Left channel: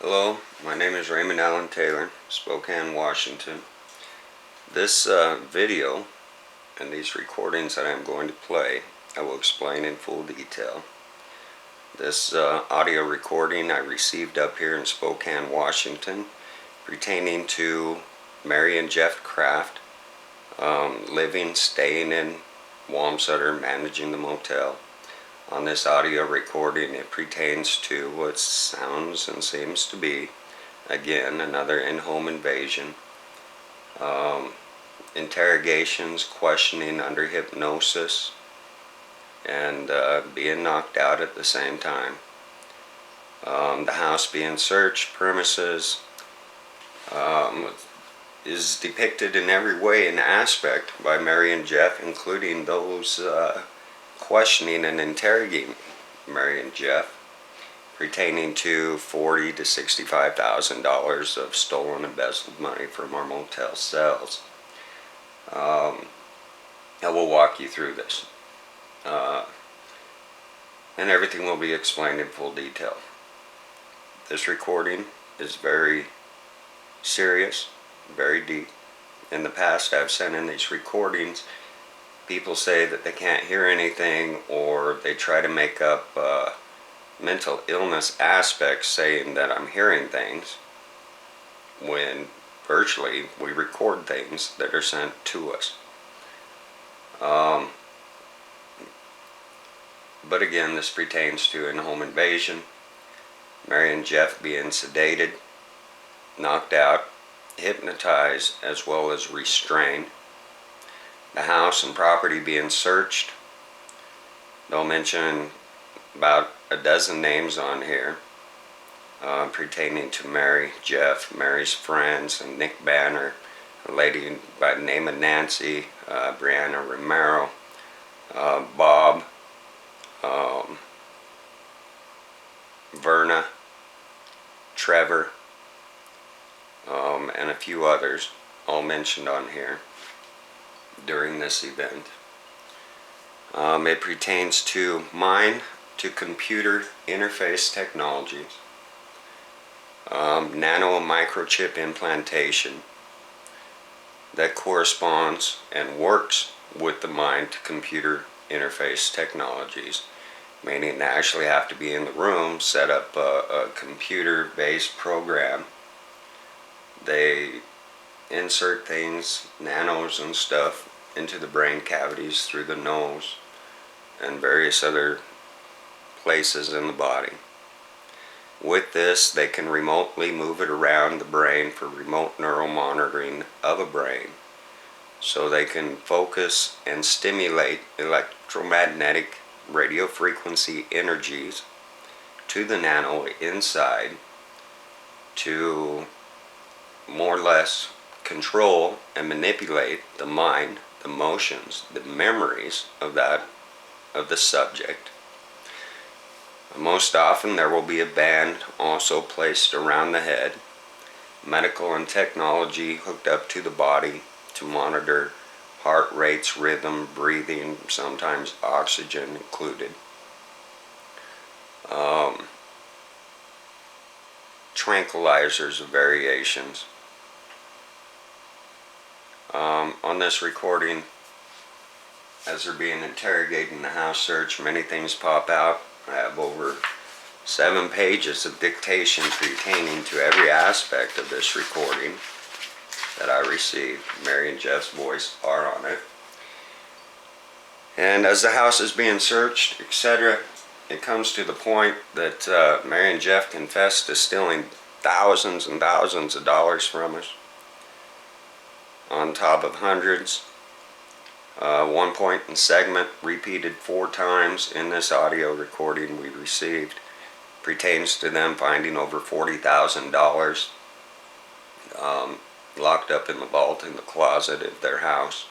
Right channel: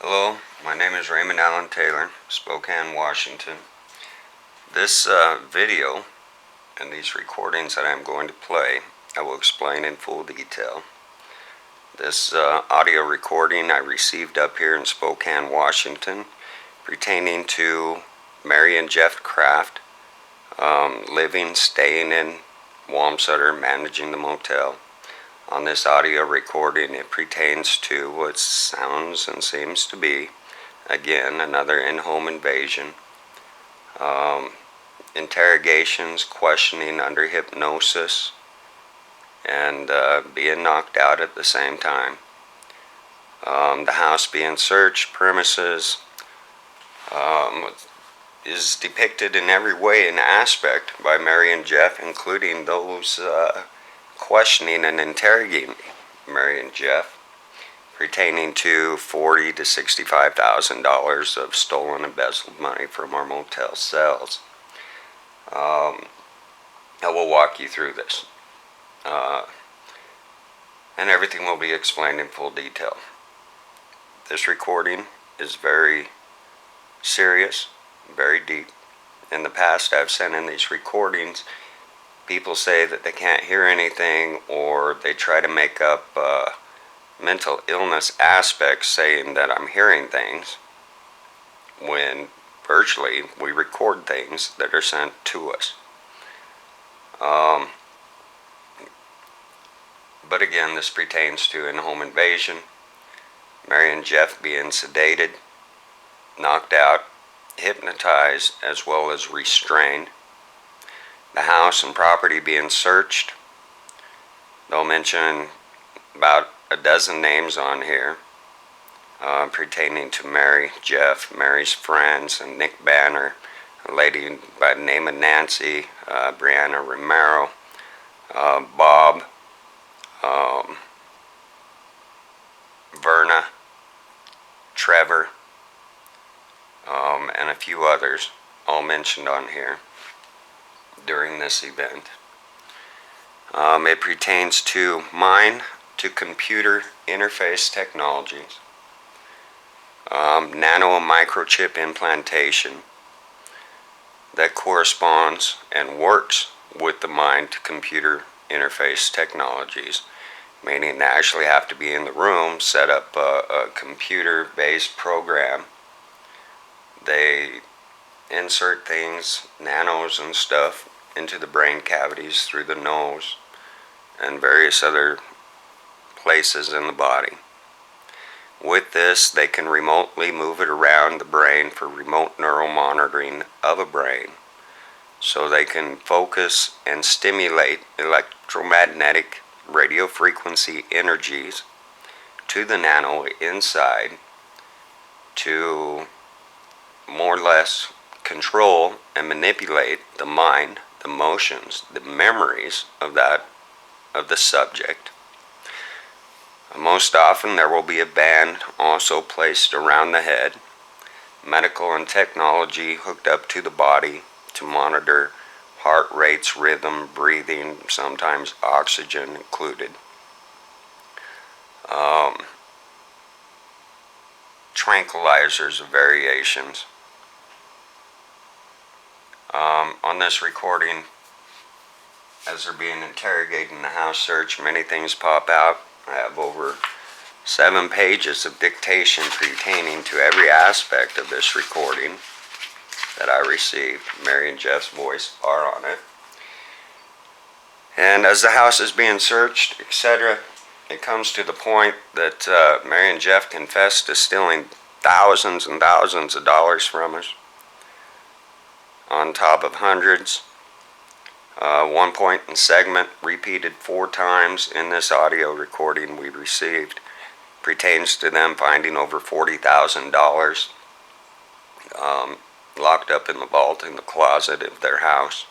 Hello, my name is Raymond Allen Taylor, Spokane, Washington. This video and these recordings that I'm going to play, I will explain in full detail. This audio recording I received up here in Spokane, Washington, pertaining to Mary and Jeff Kraft, living, staying in Wamsutter, managing the motel. On this audio recording, it pertains to what sounds and seems to be, again, another in-home invasion. Interrogations, questioning under hypnosis, and being knocked out at the same time. The house being searched, premises, is depicted in every way and aspect by Mary and Jeff, including those questioning and interrogating Mary and Jeff, pertaining to $40,000 to $65,000 of stolen, embezzled money from our motel cells. I will walk you through this, and everything will be explained in full detail. This recording is very serious, very deep. In the past, I've sent in these recordings. People say that they can't hear anything, or they try to make up mental illness aspects saying that I'm hearing things, when virtually we record things that are sent to us. But again, this pertains to in-home invasion, Mary and Jeff being sedated, knocked out, hypnotized, as well as restrained. The house and property being searched. They'll mention about a dozen names on here pertaining to Mary, Jeff, Mary's friends, and Nick Banner, a lady by the name of Nancy, Brianna Romero, Bob, Verna, Trevor, and a few others, all mentioned on here during this event. It pertains to mind-to-computer interface technologies, nano and microchip implantation that corresponds and works with the mind-to-computer interface technologies, meaning they actually have to be in the room, set up a computer-based program. They insert things, nanos and stuff, into the brain cavities through the nose and various other places in the body. With this, they can remotely move it around the brain for remote neuromonitoring of a brain, so they can focus and stimulate electromagnetic radio frequency energies to the nano inside to more or less control and manipulate the mind, the emotions, the memories of the subject. Most often there will be a band also placed around the head, medical and technology hooked up to the body to monitor heart rates, rhythm, breathing, sometimes oxygen included. Tranquilizers of variations. On this recording, as they're being interrogated in the house search, many things pop out. I have over 7 pages of dictation pertaining to every aspect of this recording that I received. Mary and Jeff's voice are on it. And as the house is being searched, etc., it comes to the point that Mary and Jeff confessed to stealing thousands and thousands of dollars from us, on top of hundreds. One point in segment repeated 4 times in this audio recording we received pertains to them finding over $40,000 locked up in the vault in the closet of their house.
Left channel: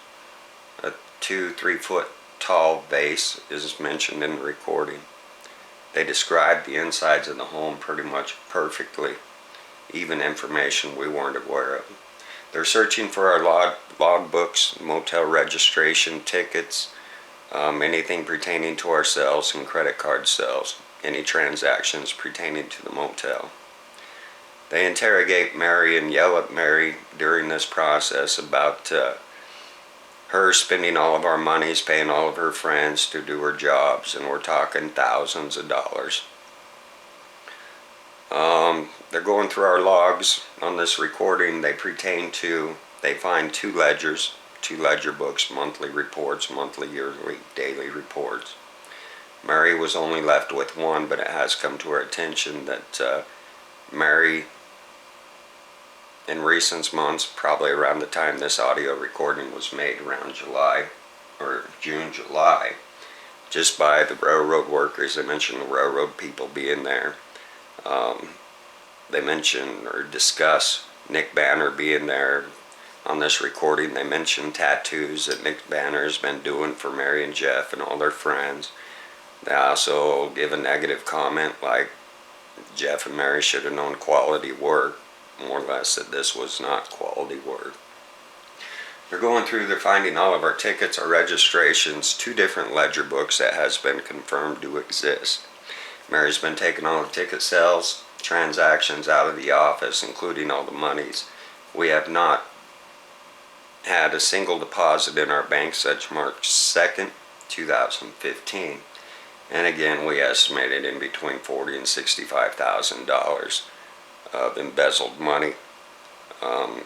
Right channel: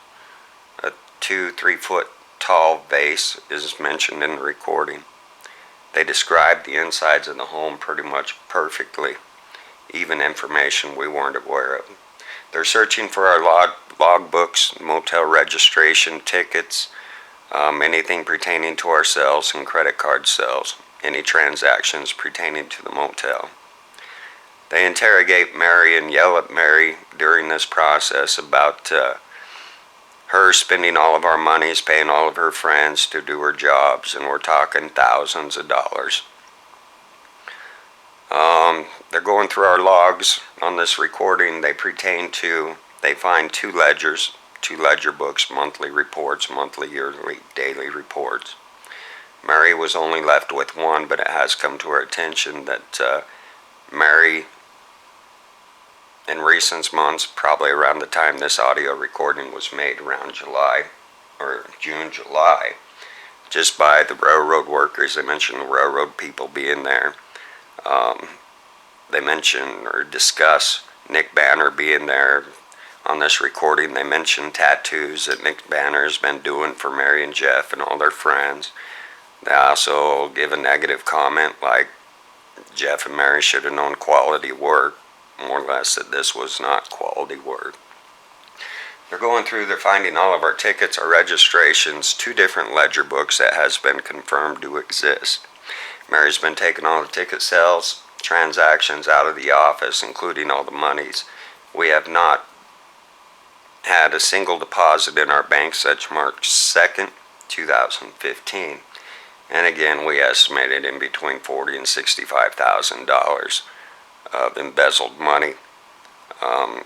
A 2-3 foot tall vase is mentioned in the recording. They described the insides of the home pretty much perfectly, even information we weren't aware of. They're searching for our log books, motel registration, tickets, anything pertaining to our cells and credit card cells, any transactions pertaining to the motel. They interrogate Mary and yell at Mary during this process about her spending all of our monies, paying all of her friends to do her jobs, and we're talking thousands of dollars. They're going through our logs on this recording. They find two ledger books, monthly reports, monthly, yearly, daily reports. Mary was only left with one, but it has come to our attention that Mary, in recent months, probably around the time this audio recording was made, around July or June, July, just by the railroad workers. They mentioned the railroad people being there. They mention or discuss Nick Banner being there. On this recording, they mention tattoos that Nick Banner has been doing for Mary and Jeff and all their friends. They also give a negative comment like Jeff and Mary should have known quality work, more or less that this was not quality work. They're going through, they're finding all of our tickets, our registrations, two different ledger books that has been confirmed to exist. Mary's been taking all the ticket sales, transactions out of the office, including all the monies. We have not had a single deposit in our bank since March 2nd, 2015. And again, we estimated in between $40,000 and $65,000 of embezzled money of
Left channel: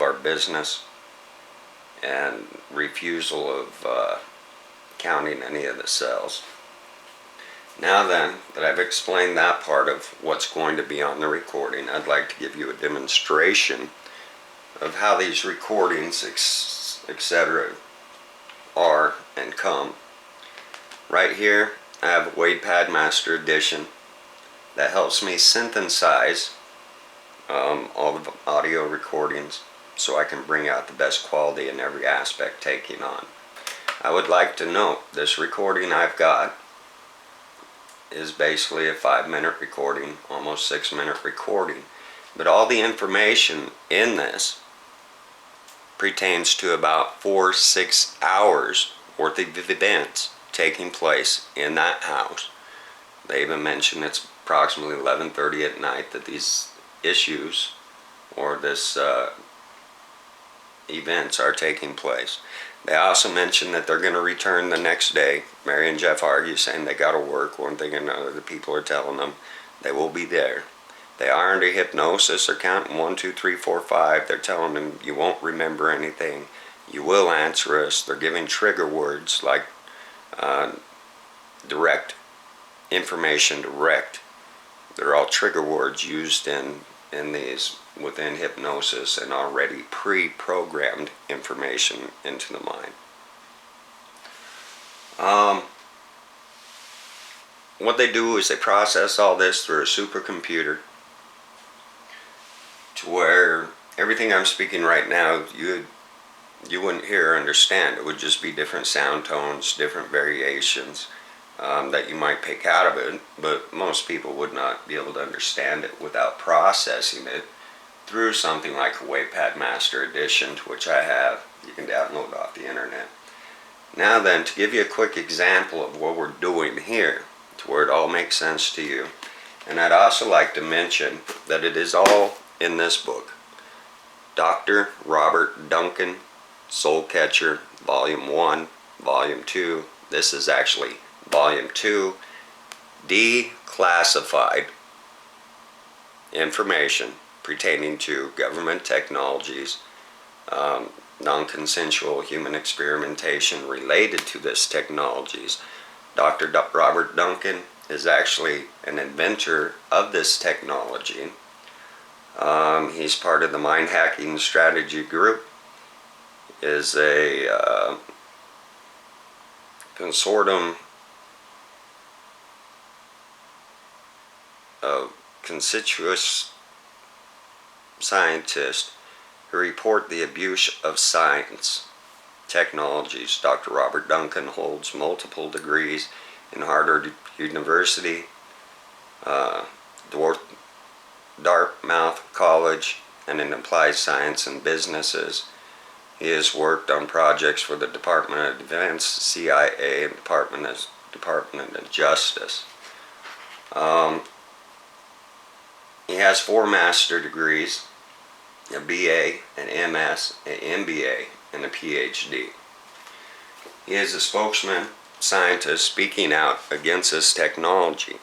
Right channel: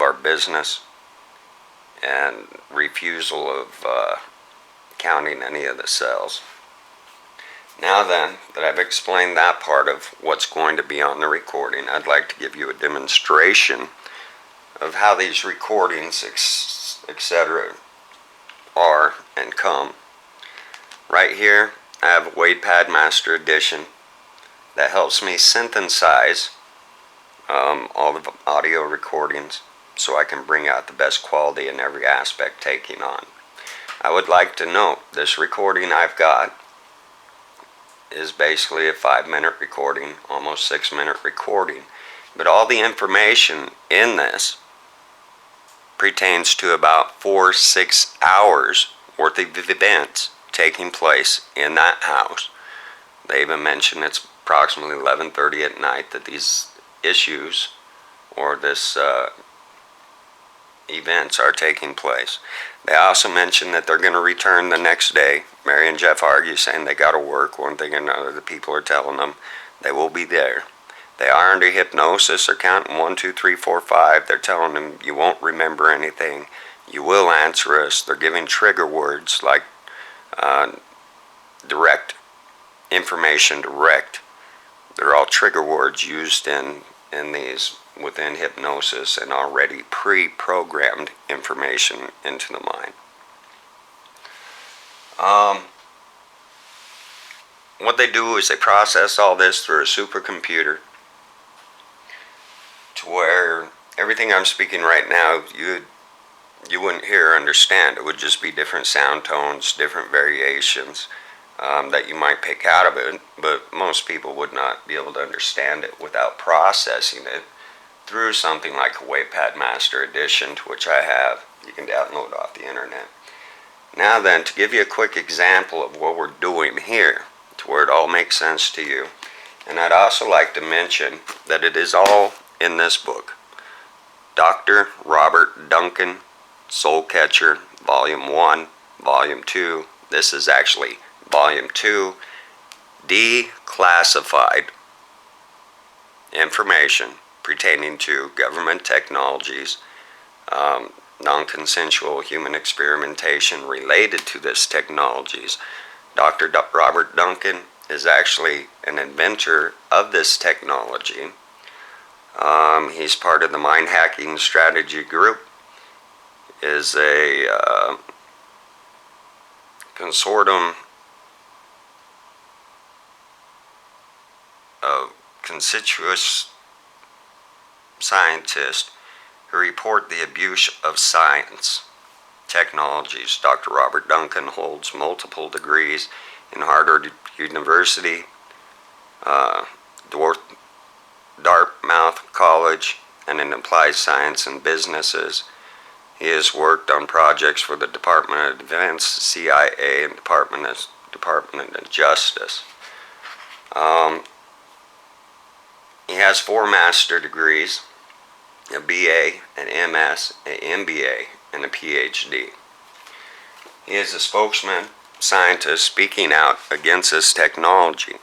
our business, and refusal of counting any of the sales. Now then, that I've explained that part of what's going to be on the recording, I'd like to give you a demonstration of how these recordings, etc., are and come. Right here, I have a WavePad Master Edition that helps me synthesize all the audio recordings so I can bring out the best quality in every aspect taking on. I would like to note this recording I've got is basically a 5-minute recording, almost 6-minute recording, but all the information in this pertains to about 4-6 hours worth of events taking place in that house. They even mention it's approximately 11:30 at night that these issues or this events are taking place. They also mention that they're going to return the next day. Mary and Jeff argue, saying they got to work. One thing or another, the people are telling them they will be there. They are under hypnosis. They're counting 1, 2, 3, 4, 5. They're telling them you won't remember anything. You will answer us. They're giving trigger words like direct information, direct. They're all trigger words used in these within hypnosis and already pre-programmed information into the mind. What they do is they process all this through a supercomputer to where everything I'm speaking right now you wouldn't hear or understand. It would just be different sound tones, different variations that you might pick out of it, but most people would not be able to understand it without processing it through something like a WavePad Master Edition, to which I have. You can download off the internet. Now then, to give you a quick example of what we're doing here, to where it all makes sense to you, and I'd also like to mention that it is all in this book. Dr. Robert Duncan, Soul Catcher, Volume 1, Volume 2. This is actually Volume 2, Declassified Information pertaining to government technologies, non-consensual human experimentation related to this technologies. Dr. Robert Duncan is actually an inventor of this technology. He's part of the Mind Hacking Strategy Group, is a consortium of conspicuous scientists who report the abuse of science technologies. Dr. Robert Duncan holds multiple degrees in Harvard University, Dartmouth College, and in applied science and businesses. He has worked on projects for the Department of Defense, CIA, and Department of Justice. He has 4 master degrees, a BA, an MS, an MBA, and a PhD. He is a spokesman, scientist speaking out against this technology.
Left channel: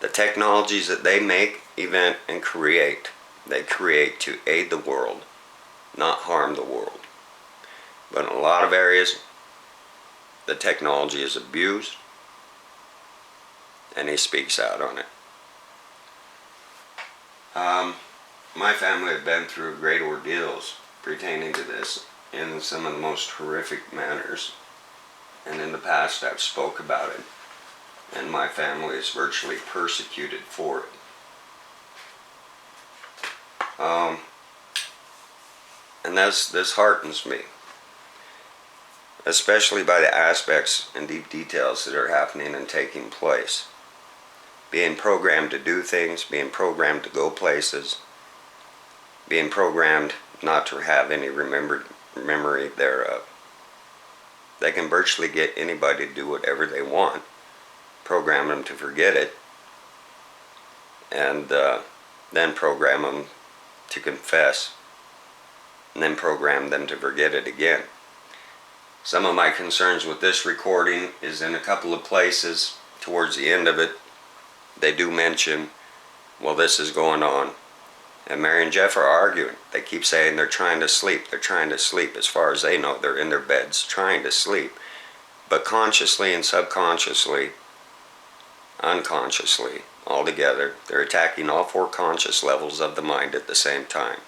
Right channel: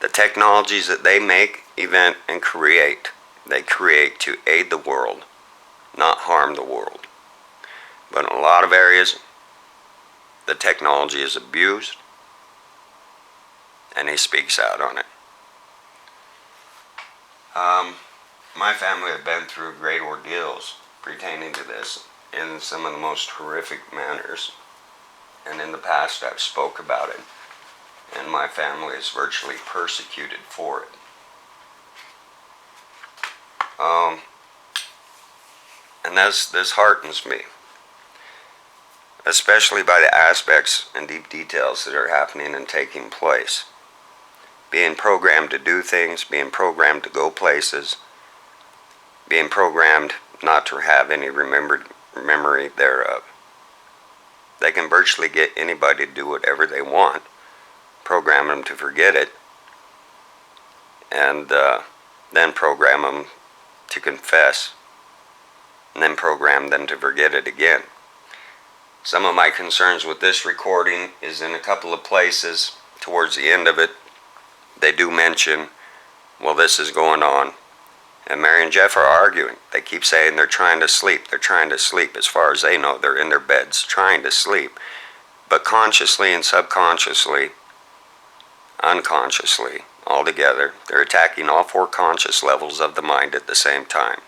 The technologies that they make, invent, and create, they create to aid the world, not harm the world. But in a lot of areas, the technology is abused, and he speaks out on it. My family have been through great ordeals pertaining to this in some of the most horrific manners, and in the past I've spoke about it, and my family is virtually persecuted for it. And this heartens me, especially by the aspects and deep details that are happening and taking place. Being programmed to do things, being programmed to go places, being programmed not to have any memory thereof. They can virtually get anybody to do whatever they want, program them to forget it, and then program them to confess, and then program them to forget it again. Some of my concerns with this recording is in a couple of places towards the end of it, they do mention, well, this is going on. And Mary and Jeff are arguing. They keep saying they're trying to sleep. They're trying to sleep. As far as they know, they're in their beds trying to sleep. But consciously and subconsciously, unconsciously, all together, they're attacking all 4 conscious levels of the mind at the same time.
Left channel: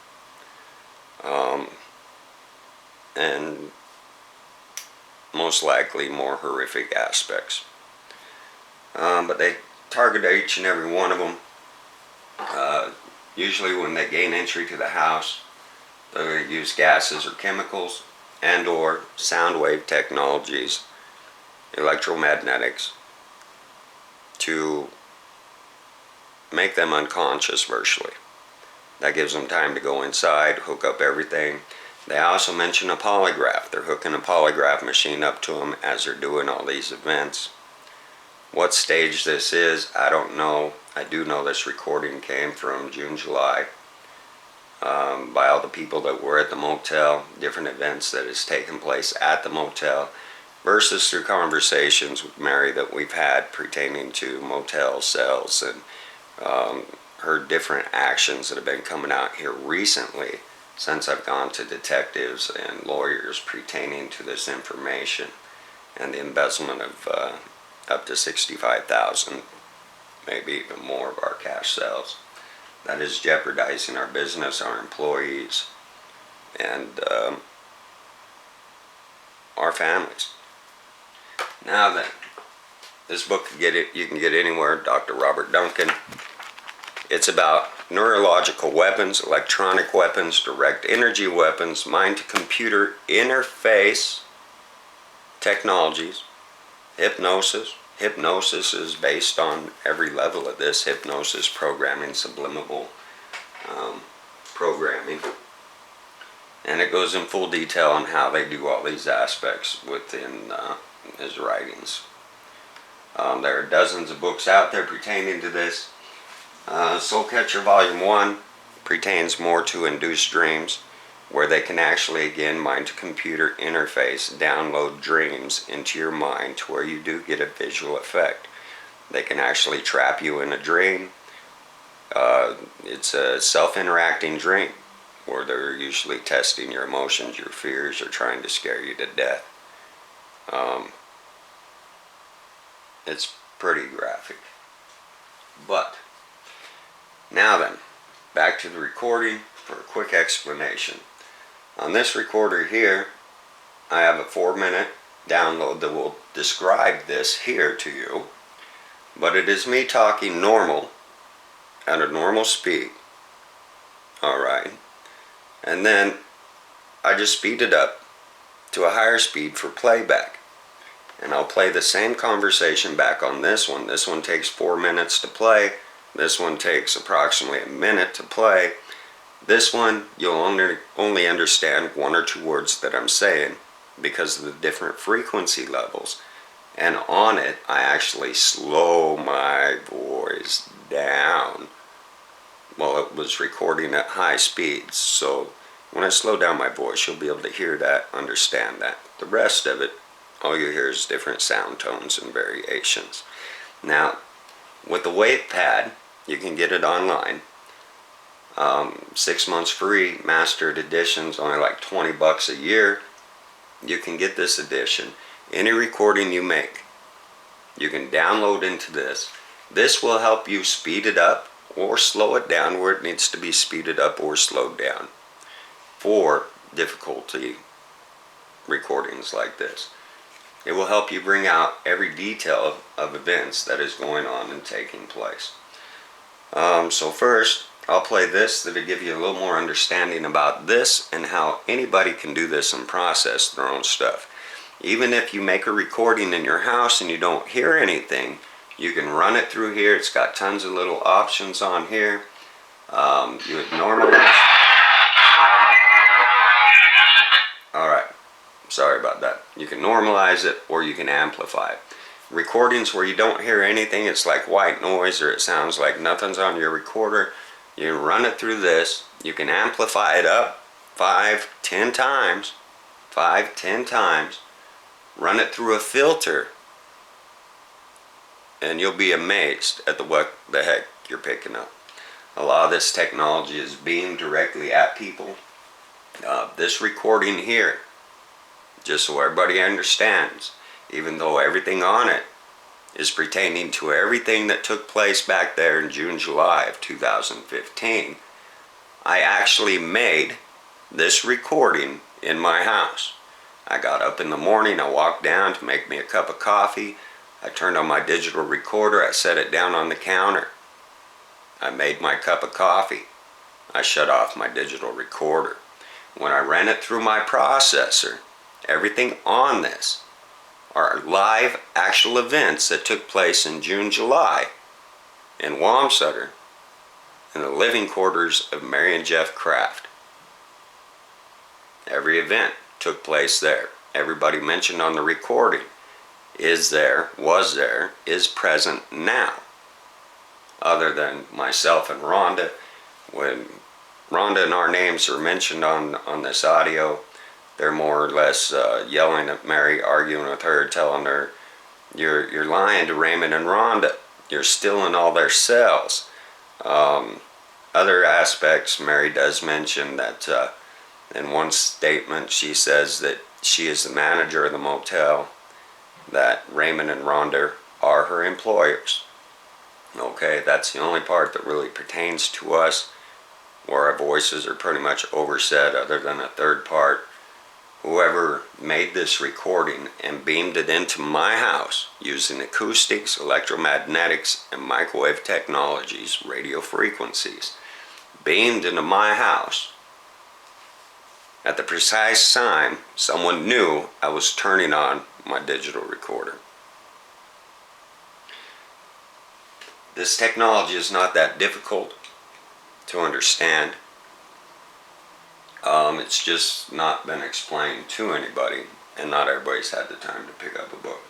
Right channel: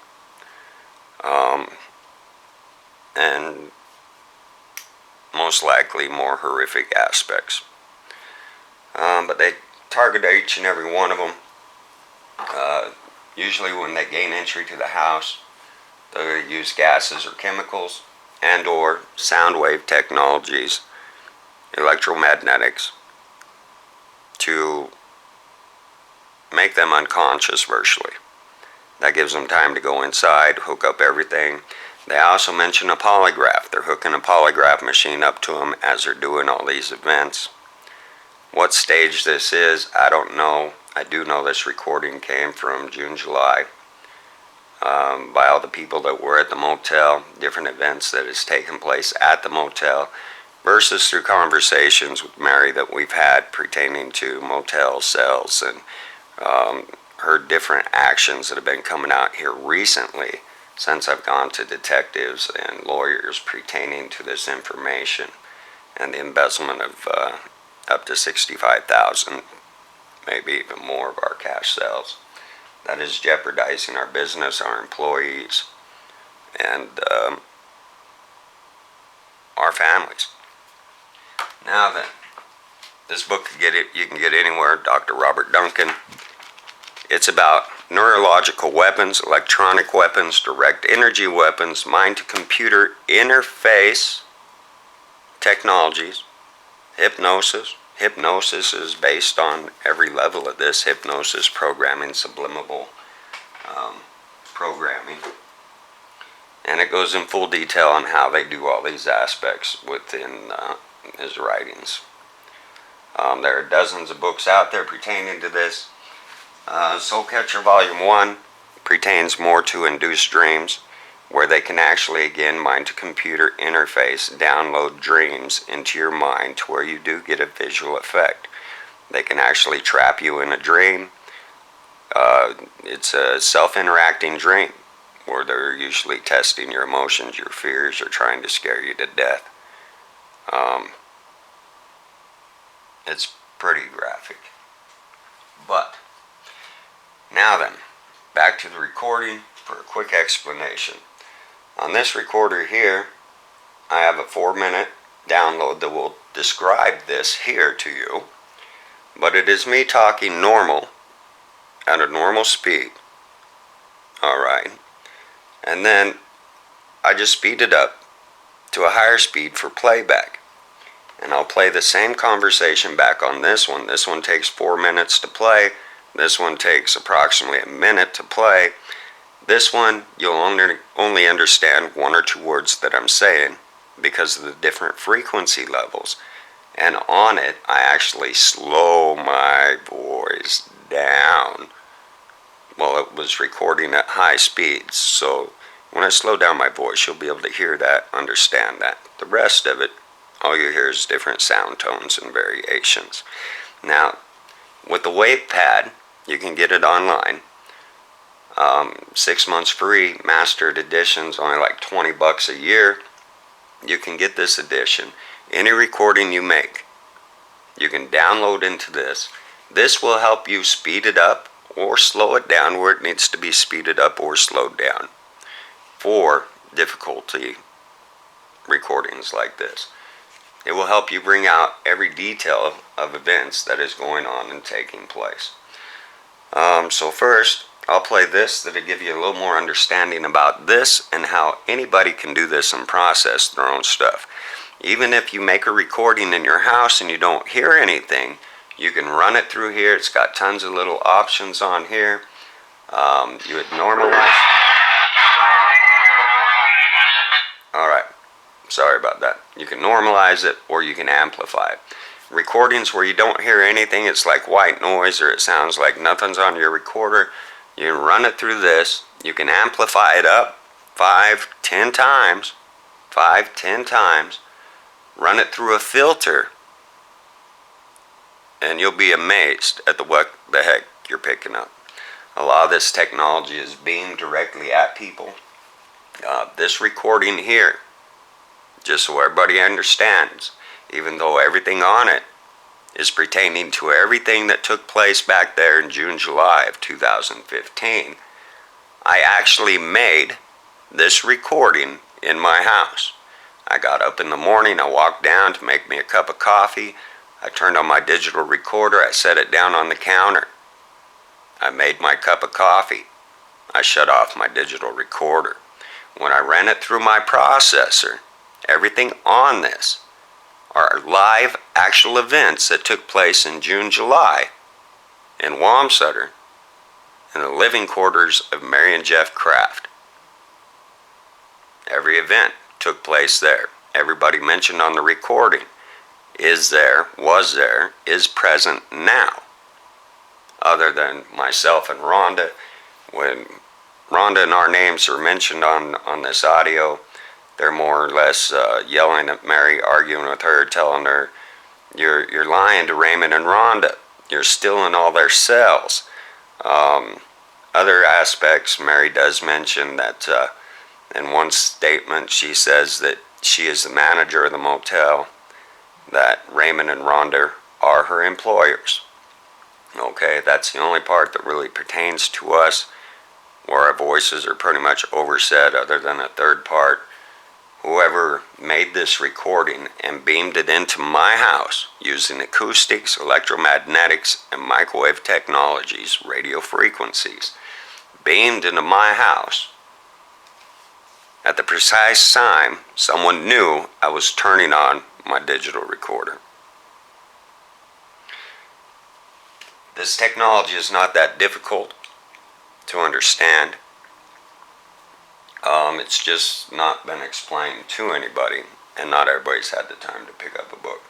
And most likely more horrific aspects. But they target each and every one of them. Usually when they gain entry to the house, they use gases or chemicals and or sound wave technologies, electromagnetics, to make them unconscious virtually. That gives them time to go inside, hook up everything. They also mention a polygraph. They're hooking a polygraph machine up to them as they're doing all these events. What stage this is, I don't know. I do know this recording came from June, July, by all the people that were at the motel, different events that has taken place at the motel, versus through conversations with Mary that we've had pertaining to motel cells, and heard different actions that have been coming out here recently since I've gone to detectives and lawyers pertaining to this information and the embezzlement of up to $65,000, maybe even more of our cash sales. That is jeopardizing our business, our employees, and our families. Now then, this book you can get anywhere, Dr. Robert Duncan. It's about neurological weapons, electronic weapons, direct energy weapons, mind-to-computer interface technologies, hypnosis. Hypnosis is based on every level of this, hypnosis, programming, subliminal programming. And it goes in full detail on how they do all these aspects within his writings. There are dozens of books out there pertaining to this. Soul Catcher Volume 1 pertains more to induced dreams, where they can actually, again, mind-to-computer interface, download dreams into your mind to where you do get a visual effect. They can actually trap you in a dream. It's a self-interacting dream, where they're usually testing your emotions, your fears, or trying to scare you to death. It's pretty graphic. But, now then, back to the recording for a quick explanation. On this recorder here, I have a 4-minute download that will describe this here to you, but it is me talking normal, at a normal speed. Alright. And then I just speed it up to a higher speed for playback. And I'll play the same conversation back on this one. This one takes 4 minutes to play. This one takes approximately a minute to play. This one, you'll only understand 1 or 2 words that I'm saying because of the different frequency levels. And on it, I actually slow my voice down it was recording at high speeds. So when I slow down my voice, you'll be able to hear that, understand that. The rest of it, all you hear is different sound tones and variations. Now, with the wave pad, you can get it online. 6 months free, mastered edition's only like $20 a year. You can get this edition. Any recording you make, you can download into this. This will help you speed it up or slow it down where it needs to be speeded up or slowed down for difficulty recordings like this. It will help you bring out every detail of events that is going on and taking place. So first, I'll play this that'll give you a little more understanding about this and how anybody can do this and process their own stuff. Even if you make a recording in your house and you don't hear anything, you can run it through here. It's got tons of little options on here. You would normalize. Alright, sorry about that. You can normalize it or you can amplify it. Recordings where you don't hear anything, it's like white noise or it sounds like nothing's on your recorder. You run it through this. You can amplify it up 5-10 times. 5-10 times. Run it through a filter. And you'll be amazed at what the heck you're picking up. A lot of this technology is beamed directly at people. This recording here, just so everybody understands, even though everything on it is pertaining to everything that took place back there in June, July of 2015, I actually made this recording in my house. I got up in the morning, I walked down to make me a cup of coffee, I turned on my digital recorder, I set it down on the counter. I made my cup of coffee. I shut off my digital recorder. When I ran it through my processor, everything on this are live actual events that took place in June, July in Wamsutter in the living quarters of Mary and Jeff Kraft. Every event took place there. Everybody mentioned on the recording is there, was there, is present now. Other than myself and Rhonda, when Rhonda and our names are mentioned on this audio, they're more or less yelling at Mary, arguing with her, telling her, you're lying to Raymond and Rhonda. You're stealing all their cells. Other aspects, Mary does mention that in one statement she says that she is the manager of the motel, that Raymond and Rhonda are her employers. Okay, that's the only part that really pertains to us, where our voices are pretty much oversaid other than a third part. Whoever made this recording and beamed it into my house using acoustics, electromagnetics, and microwave technologies, radio frequencies, beamed into my house at the precise time someone knew I was turning on my digital recorder. This technology is not that difficult to understand. It's just not been explained to anybody, and not everybody's had the time to pick up a book.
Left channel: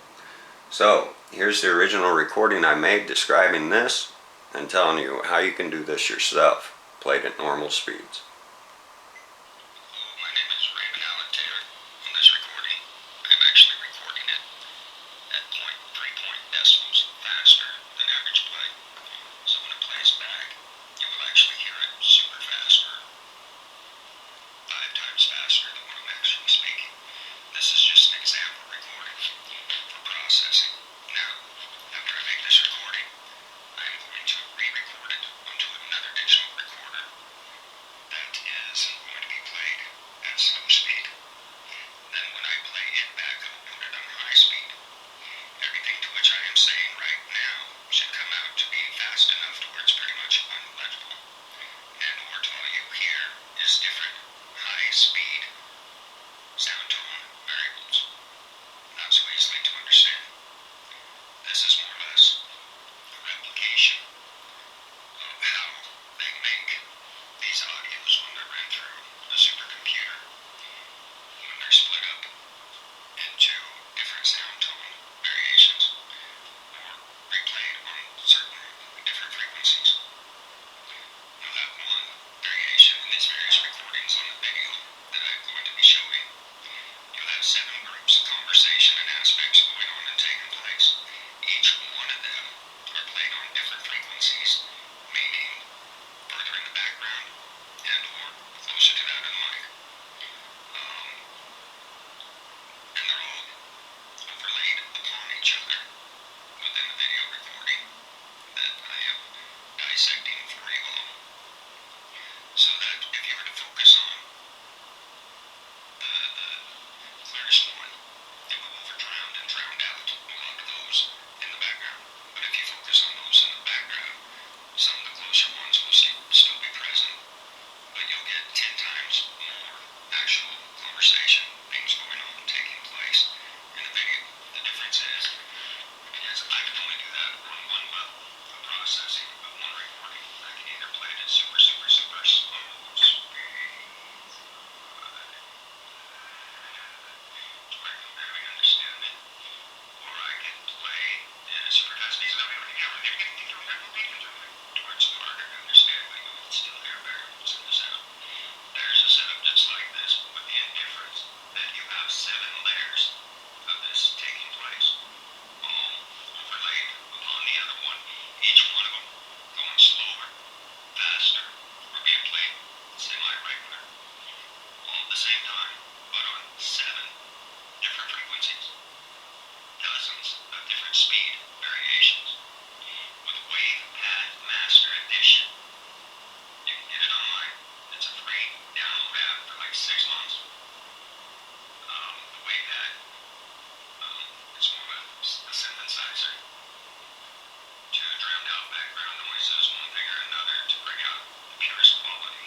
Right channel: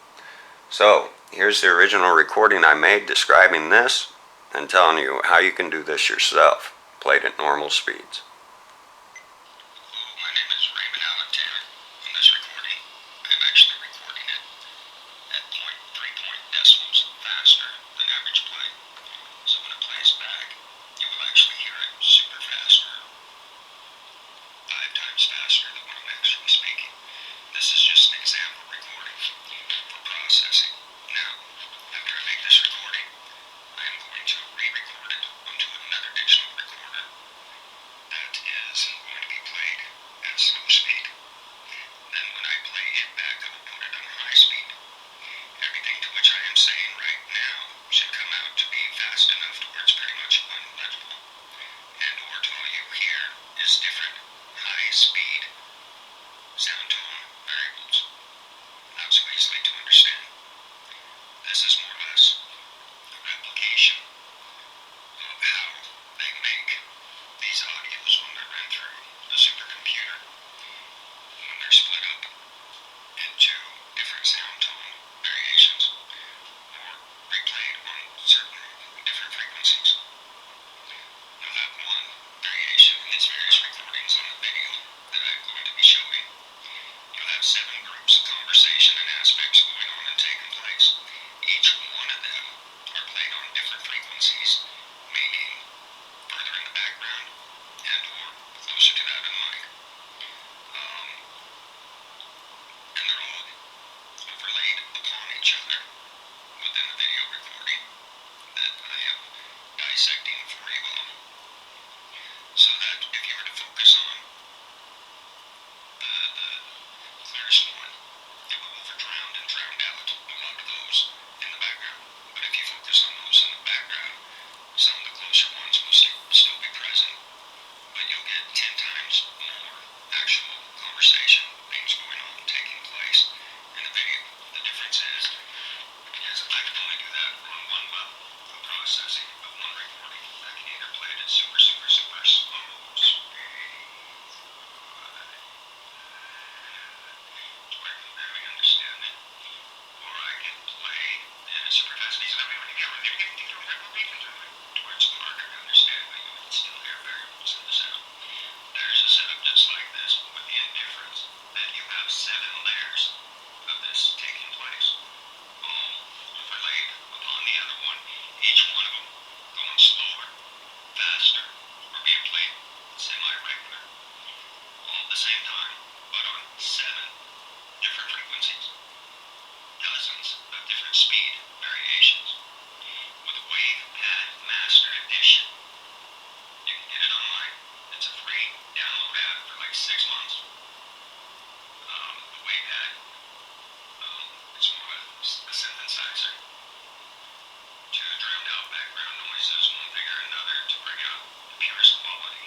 So, here's the original recording I made describing this and telling you how you can do this yourself, played at normal speeds. Hello, my name is Raymond Allen Taylor. On this recording, I'm actually recording it at 0.3 decibels faster than average play. So when it plays back, you will actually hear it super fast, or 5 times faster than when I'm actually speaking. This is just an example recording for processing. Now, after I make this recording, I am going to re-record it onto another digital recorder that it at super, super, super slow speed, to where you can barely understand it. Or I could play it at super fast speed so that we don't get to where it's harder to understand, but you would still hear variables in the sound. There's a setup just like this, with the indifference that you have 7 layers of this taking place, all overlaid upon the other one, each one of them going slower, faster, or being played semi-regular, all at the same time, but on 7 different frequencies, dozens of different speed variations. With Wave Pad Master Edition, you can get it online. It's a free download app for like 6 months. The Wave Pad, it's more of a synthesizer to drown out background noises, one thing or another, to bring out the purest quality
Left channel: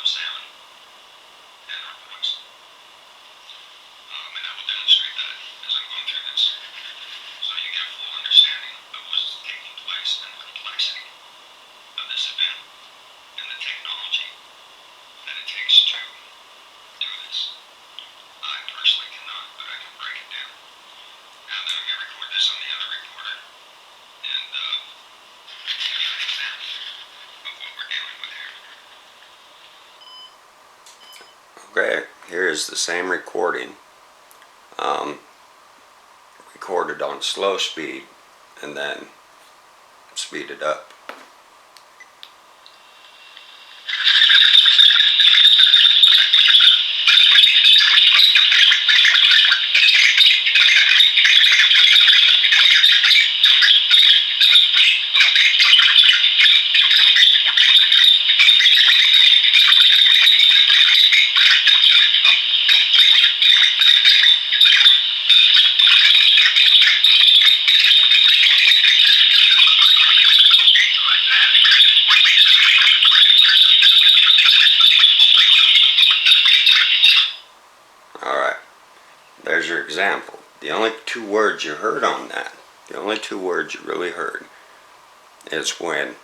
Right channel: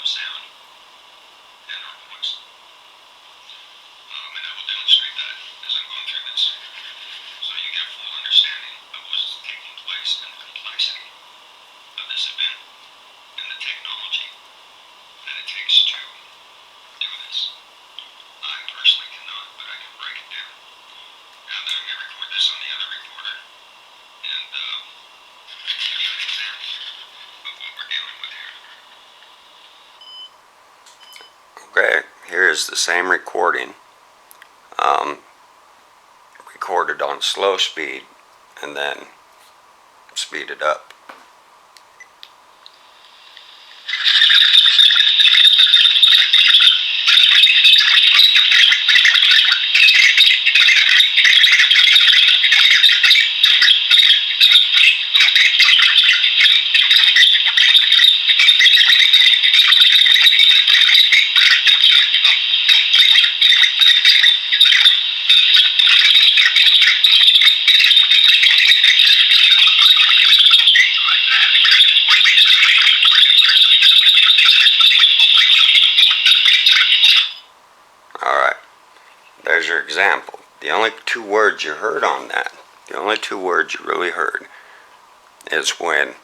of sound and or voice. And I will demonstrate that as I'm going through this, so you get a full understanding of what's taking place and the complexity of this event and the technology that it takes to do this. I personally cannot, but I can break it down. Now that I'm going to record this on the other recorder and give you an example of what we're dealing with here. Okay, here's the same recording, recorded on slow speed and then speeded up. Alright, there's your example. The only 2 words you heard on that, the only 2 words you really heard, is when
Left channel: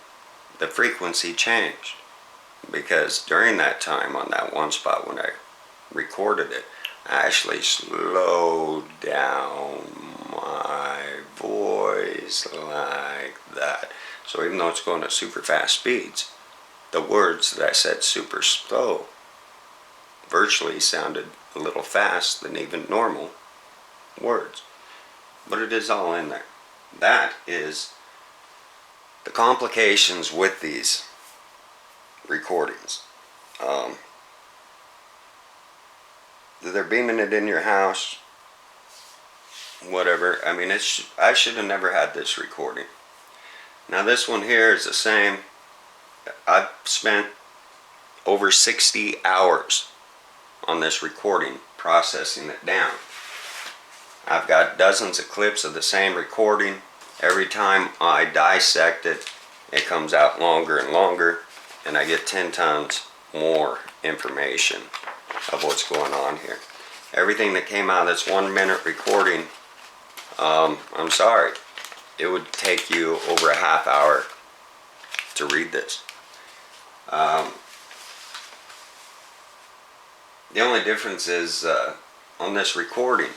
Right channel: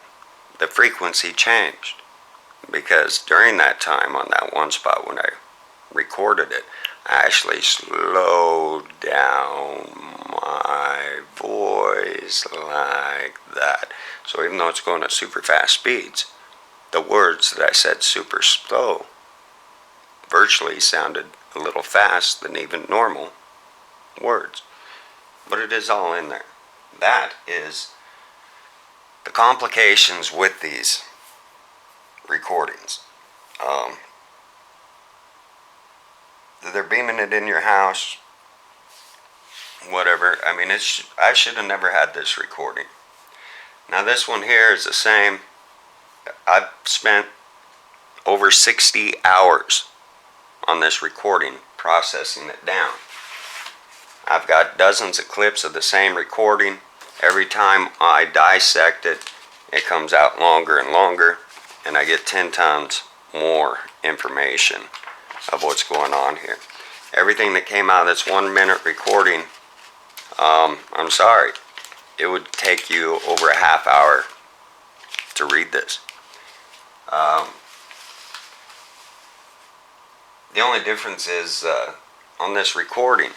the frequency changed. Because during that time, on that one spot when I recorded it, I actually slowed down my voice like that. So even though it's going at super fast speeds, the words that I said super slow virtually sounded a little fast than even normal words. But it is all in there. That is the complications with these recordings. They're beaming it in your house, whatever. I mean, I should have never had this recording. Now this one here is the same. I've spent over 60 hours on this recording, processing it down. I've got dozens of clips of the same recording. Every time I dissect it, it comes out longer and longer, and I get 10 times more information of what's going on here. Everything that came out of this 1 minute recording, I'm sorry, it would take you over a half hour to read this. The only difference is on this recording,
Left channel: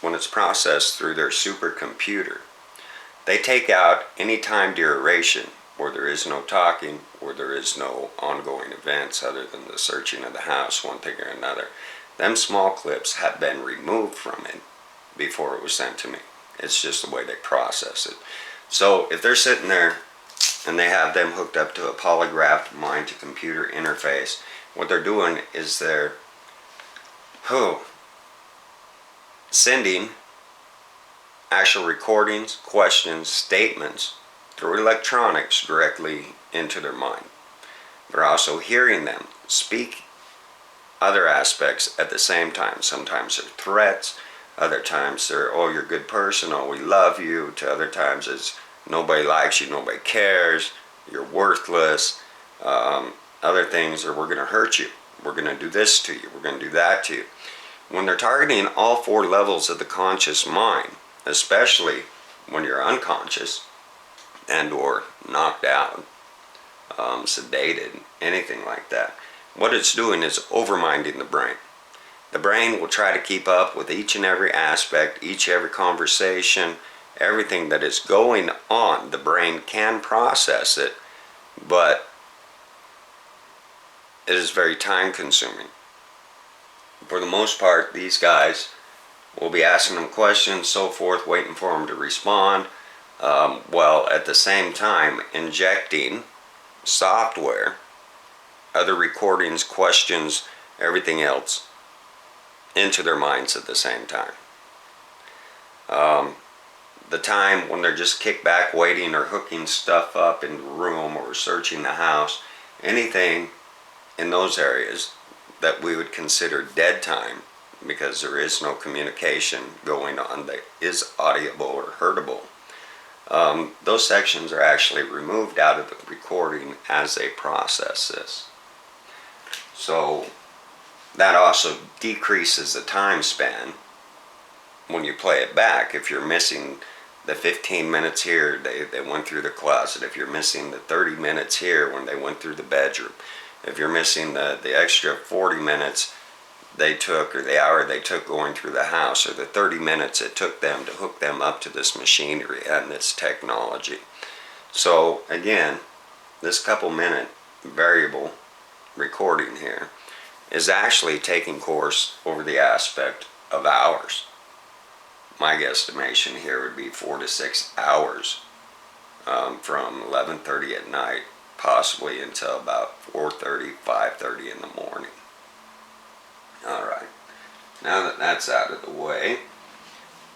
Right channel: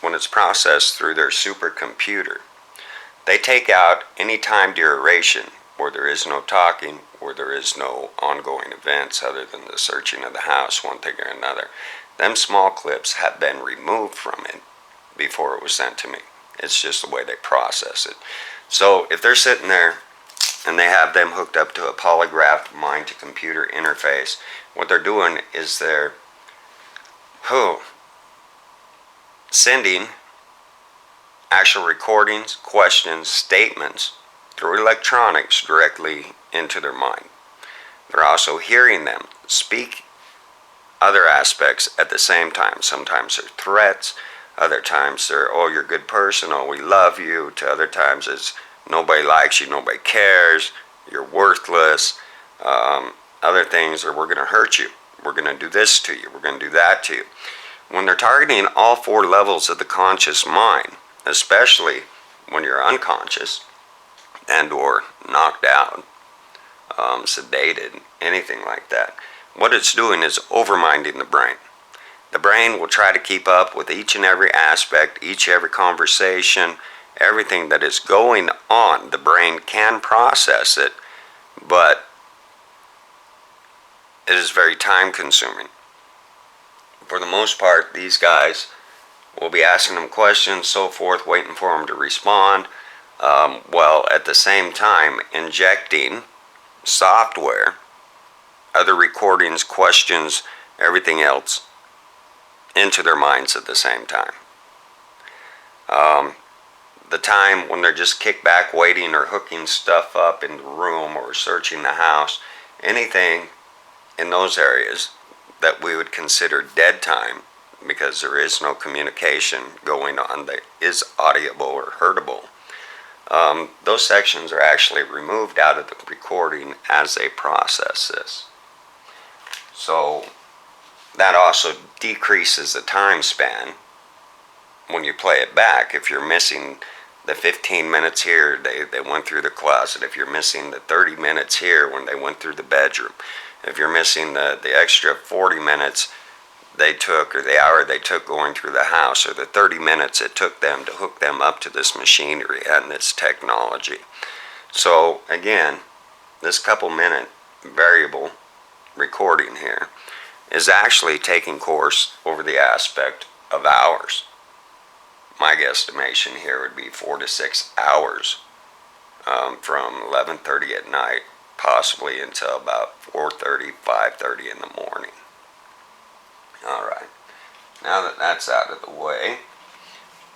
when it's processed through their supercomputer, they take out any time duration where there is no talking, where there is no ongoing events other than the searching of the house, one thing or another. Them small clips have been removed from it before it was sent to me. It's just the way they process it. So if they're sitting there and they have them hooked up to a polygraphed mind-to-computer interface, what they're doing is they're sending actual recordings, questions, statements through electronics directly into their mind. They're also hearing them speak other aspects at the same time. Sometimes they're threats, other times they're, oh, you're a good person, oh, we love you, to other times it's, nobody likes you, nobody cares, you're worthless. Other things are, we're going to hurt you, we're going to do this to you, we're going to do that to you. When they're targeting all 4 levels of the conscious mind, especially when you're unconscious and or knocked out, sedated, anything like that. What it's doing is overminding the brain. The brain will try to keep up with each and every aspect, every conversation, everything that is going on. The brain can process it, but it is very time consuming. For the most part, these guys will be asking them questions, so forth, waiting for them to respond, while at the same time injecting software, other recordings, questions, everything else into their minds at the same time. The time when they're just kicked back waiting or hooking stuff up in the room or searching the house, anything in those areas that we would consider dead time, because there is no communication going on that is audible or heardable, those sections are actually removed out of the recording as they process this. So that also decreases the time span when you play it back. If you're missing the 15 minutes here, they went through the closet. If you're missing the 30 minutes here when they went through the bedroom. If you're missing the extra 40 minutes they took, or the hour they took going through the house, or the 30 minutes it took them to hook them up to this machinery and this technology. So again, this couple minute variable recording here is actually taking course over the aspect of hours. My guesstimation here would be 4 to 6 hours, from 11:30 at night, possibly until about 4:30, 5:30 in the morning. All right, now that that's out of the way,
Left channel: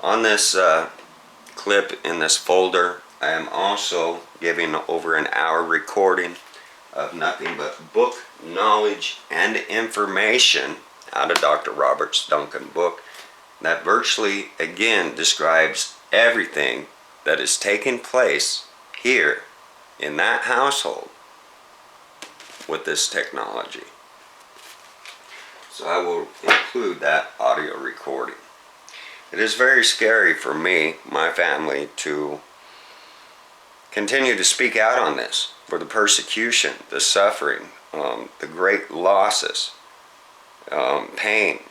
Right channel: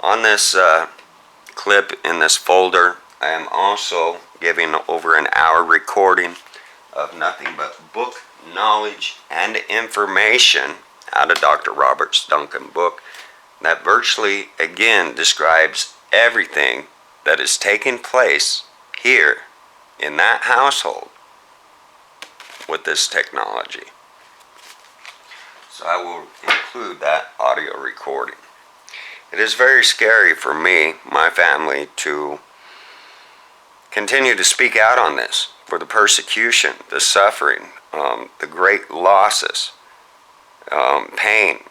on this clip in this folder, I am also giving over an hour recording of nothing but book knowledge and information out of Dr. Robert Duncan's book that virtually, again, describes everything that is taking place here in that household with this technology. So I will include that audio recording. It is very scary for me, my family, to continue to speak out on this, for the persecution, the suffering, the great losses, pain,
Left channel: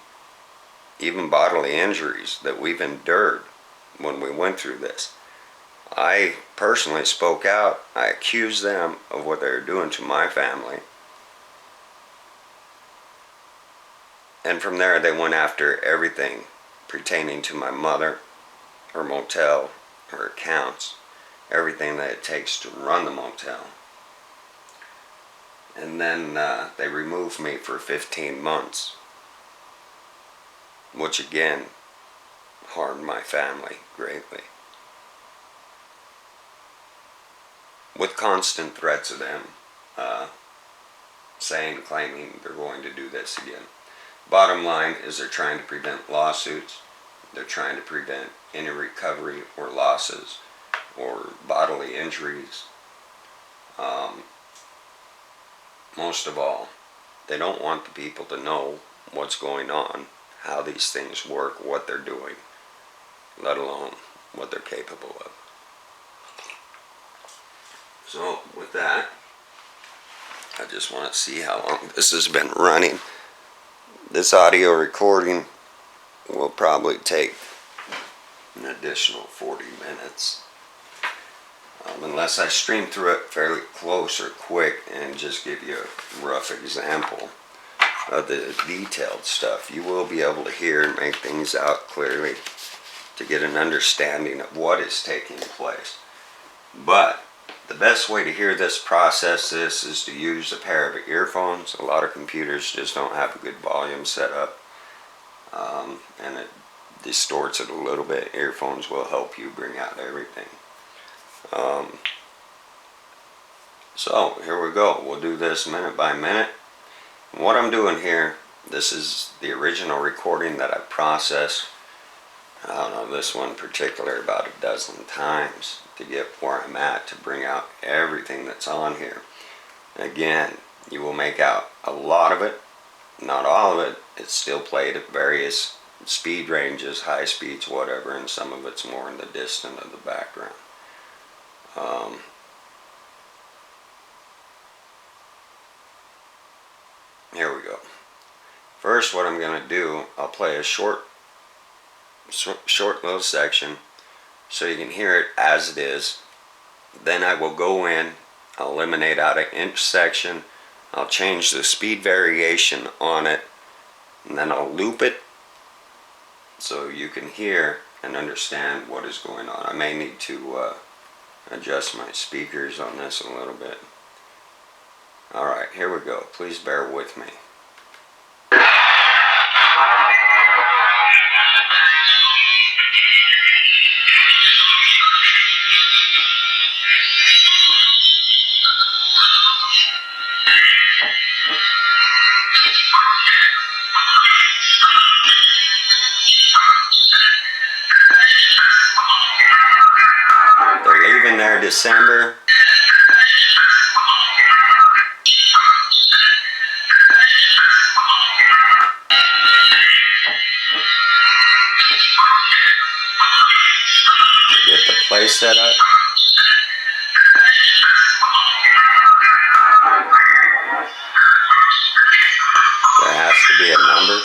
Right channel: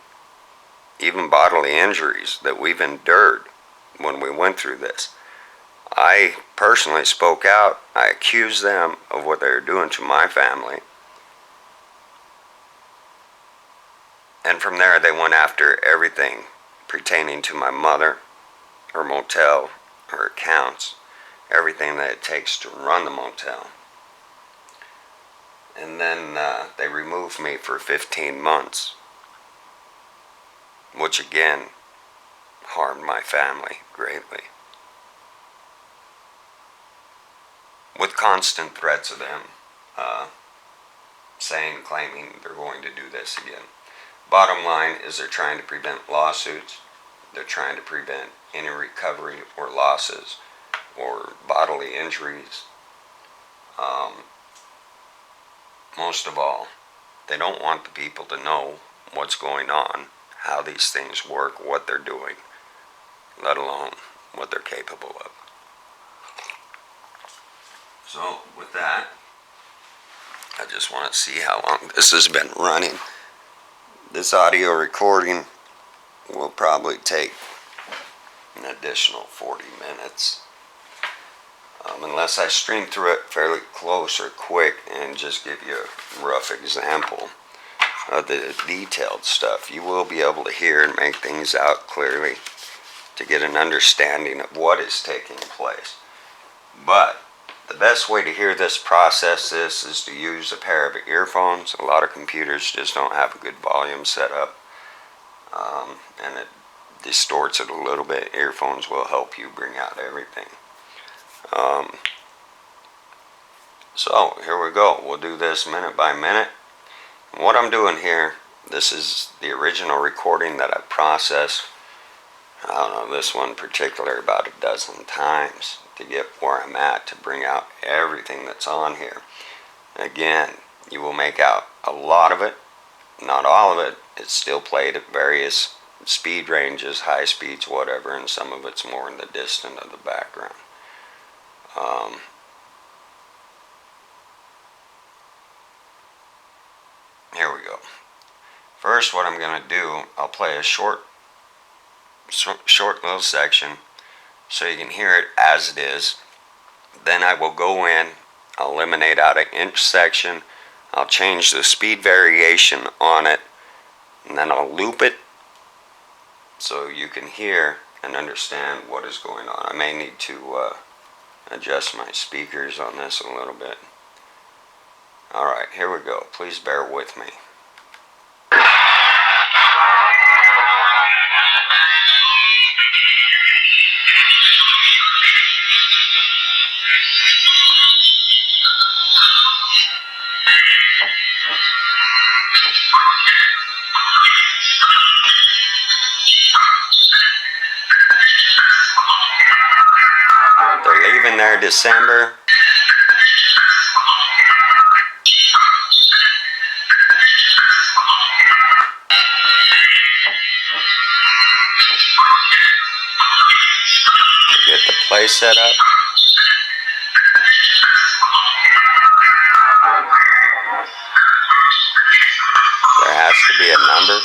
even bodily injuries that we've endured when we went through this. I personally spoke out. I accused them of what they were doing to my family. And from there, they went after everything pertaining to my mother, her motel, her accounts, everything that it takes to run the motel. And then they removed me for 15 months, which again harmed my family greatly, with constant threats of them claiming they're going to do this again. Bottom line is they're trying to prevent lawsuits. They're trying to prevent any recovery or losses or bodily injuries. Most of all, they don't want the people to know what's going on, how these things work, what they're doing, let alone what they're capable of. So with that, I just want to see how long this has been running. This audio recording will probably take an additional 40 minutes. Unless I stream through it fairly close or quick and just give you a rough example of the detailed stuff, you will be able to hear and make things out clearly to get an understanding of what is taking place. But the best way to hear this, process this, is to use a pair of earphones. A lot of computers just don't have a good volume set up, and it distorts it a little bit. Earphones will help you bring out everything. So here we go. We'll do this minute by minute. And what I'm doing here, this is the original recording that I processed, I don't know, this one in particular about a dozen times to get where I'm at, to bring out everything that's on here. Again, you will make out a lot of it, not all of it. It's still played at various speed ranges, high speeds, whatever, and some of it's more in the distant of the background. Here we go. First, what I'm going to do, I'll play a short little section so you can hear it as it is. Then I will go in, I'll eliminate out an inch section, I'll change the speed variation on it, and then I'll loop it so you can hear and understand what is going on. I may need to adjust my speakers on this a little bit. Alright, here we go. Please bear with me. They're leaving there December. Get the play set up. There has to be a number.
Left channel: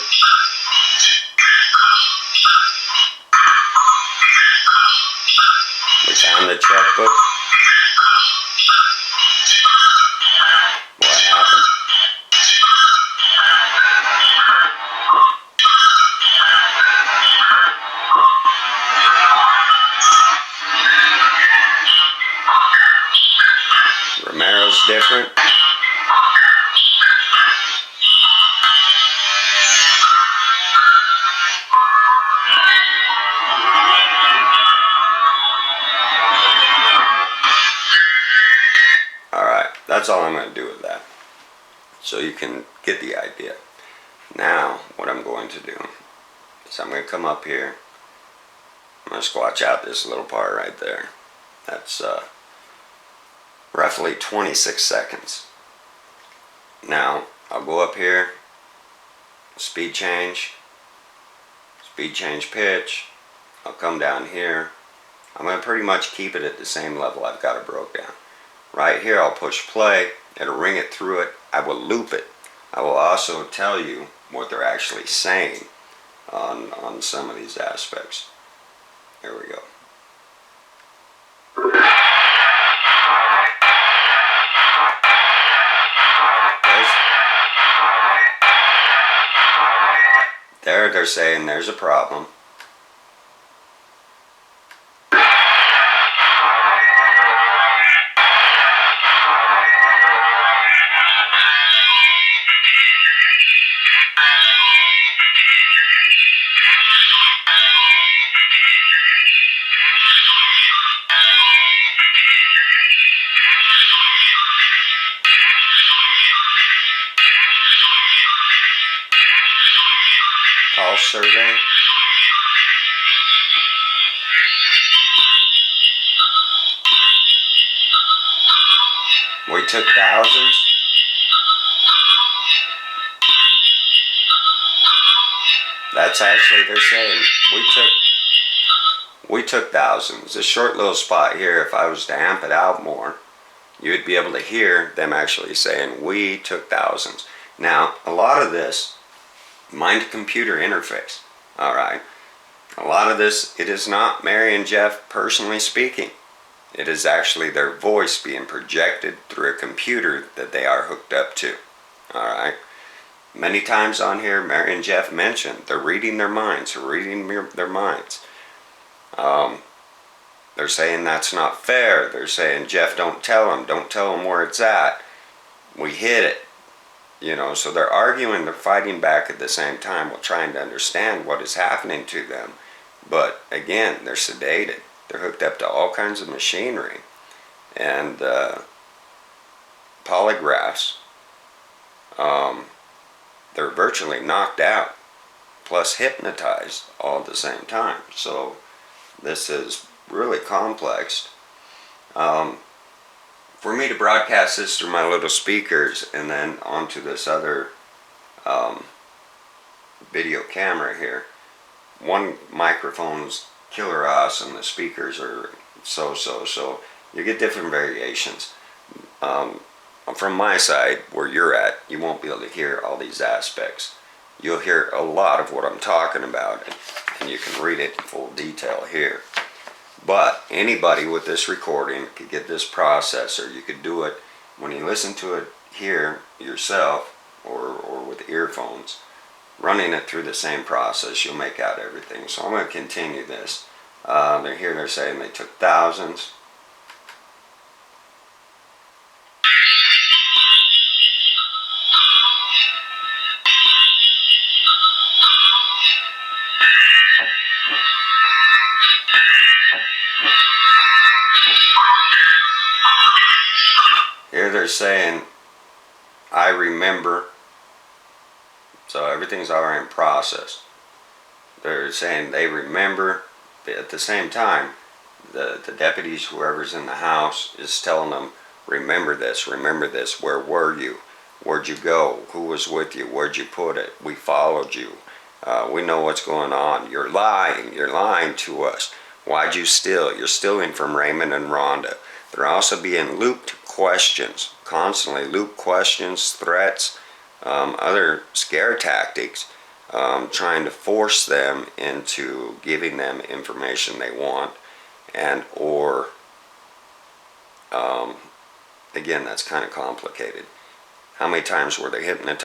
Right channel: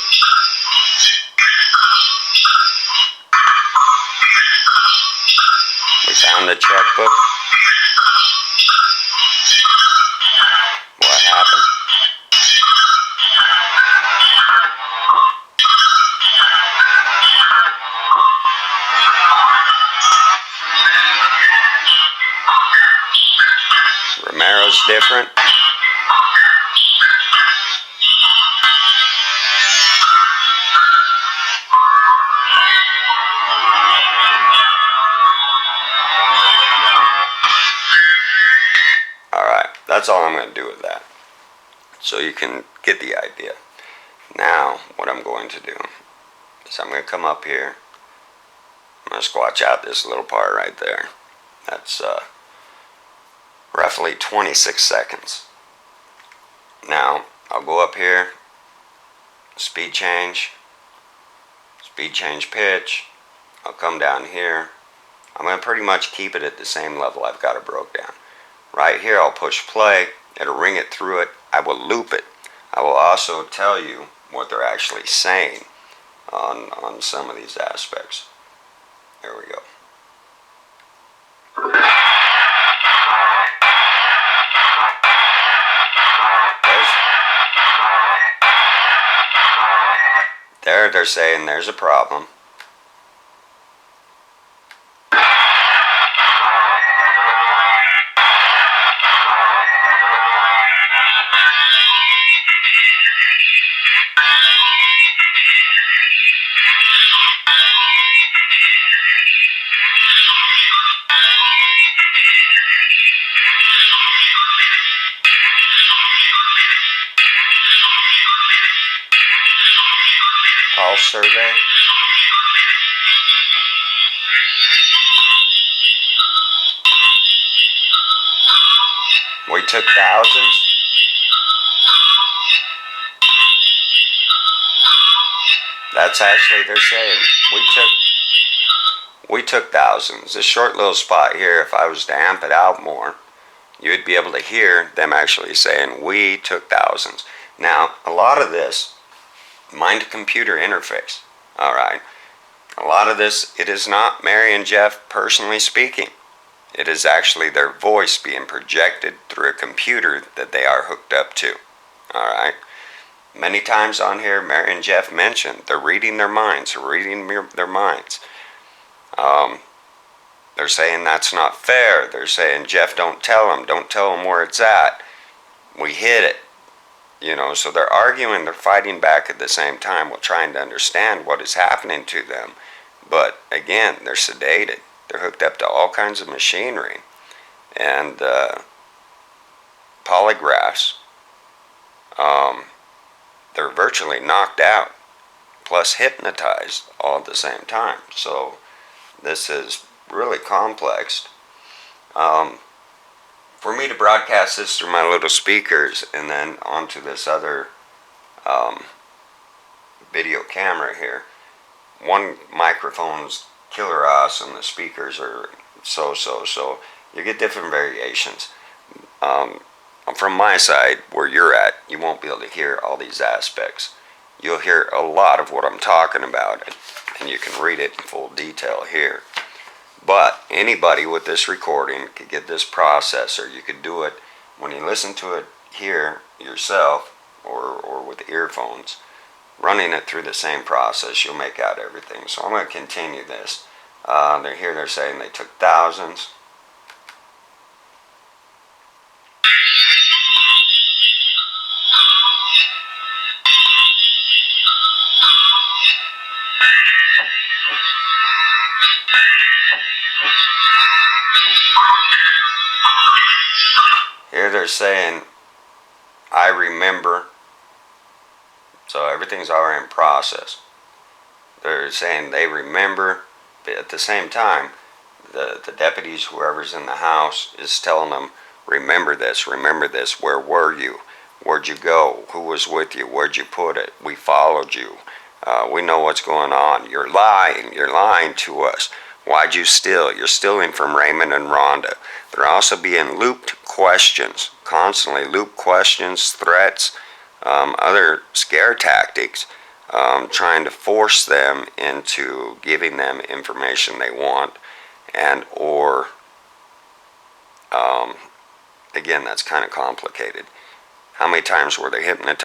We found the checkbook. What happened? Romero's different. Alright, that's all I'm going to do with that. So you can get the idea. Now, what I'm going to do is I'm going to come up here. I'm going to squatch out this little part right there. That's roughly 26 seconds. Now, I'll go up here, speed change pitch. I'll come down here. I'm going to pretty much keep it at the same level I've got it broke down. Right here, I'll push play. It'll ring it through it. I will loop it. I will also tell you what they're actually saying on some of these aspects. There we go. There they're saying there's a problem. Pulse survey. We took thousands. That's actually, they're saying we took thousands. This short little spot here, if I was to amp it out more, you'd be able to hear them actually saying we took thousands. Now, a lot of this mind-to-computer interface, all right, a lot of this, it is not Mary and Jeff personally speaking. It is actually their voice being projected through a computer that they are hooked up to, all right. Many times on here, Mary and Jeff mentioned they're reading their minds, their minds. They're saying that's not fair. They're saying, Jeff, don't tell them where it's at. We hid it. You know, so they're arguing, they're fighting back at the same time while trying to understand what is happening to them. But again, they're sedated. They're hooked up to all kinds of machinery and polygraphs. They're virtually knocked out, plus hypnotized all at the same time. So this is really complex. For me to broadcast this through my little speakers and then onto this other video camera here, one microphone's killer awesome, the speakers are so. You get different variations. from my side, where you're at, you won't be able to hear all these aspects. You'll hear a lot of what I'm talking about, and you can read it in full detail here. But anybody with this recording could get this processor. You could do it when you listen to it here yourself, or with earphones, running it through the same process, you'll make out everything. So I'm going to continue this. They're saying they took thousands. Here they're saying, I remember. So everything's already in process. They're saying they remember, but at the same time, the deputies, whoever's in the house, is telling them, remember this, where were you? Where'd you go? Who was with you? Where'd you put it? We followed you. We know what's going on. You're lying to us. Why'd you steal? You're stealing from Raymond and Rhonda. They're also being looped questions, constantly looped questions, threats, other scare tactics, trying to force them into giving them information they want, and or again, that's kind of complicated. How many times were they hypnotized?